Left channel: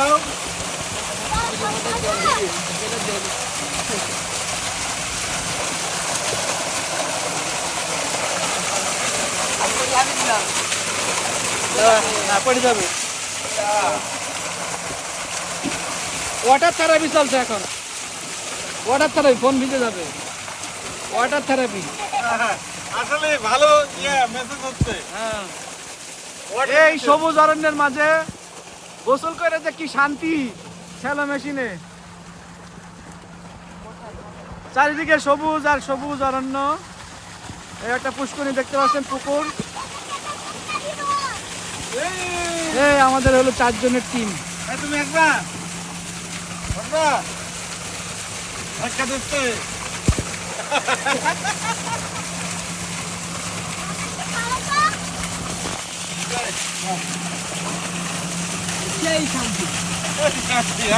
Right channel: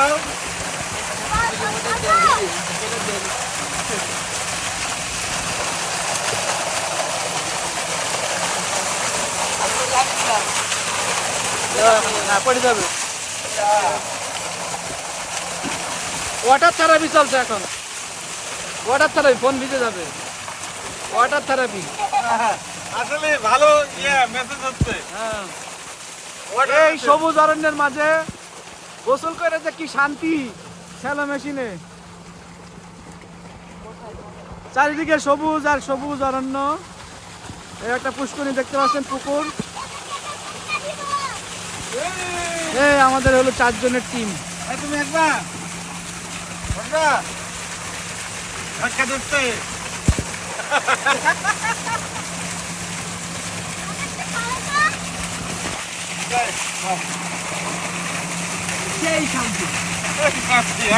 দাও water therapy চলছে এখন ওয়াটার থেরাপি ফোন দিতে যাবে ওয়াটার থেরাপি আসলে ভালো মেসেজ হচ্ছে। এই সবুজ অরণ্যের মাঝে গোসল করে যে কি শান্তি খেলা মেশিনে চারিদিকে সবুজ আর সবুজ অরণ্য এই একটা পুষ্করণী দেখতে পাচ্ছেন পুকুর আমাদের হলো 4 জনের টিম তুমি একবার ধাক্কা দিচ্ছে সেই শান্তি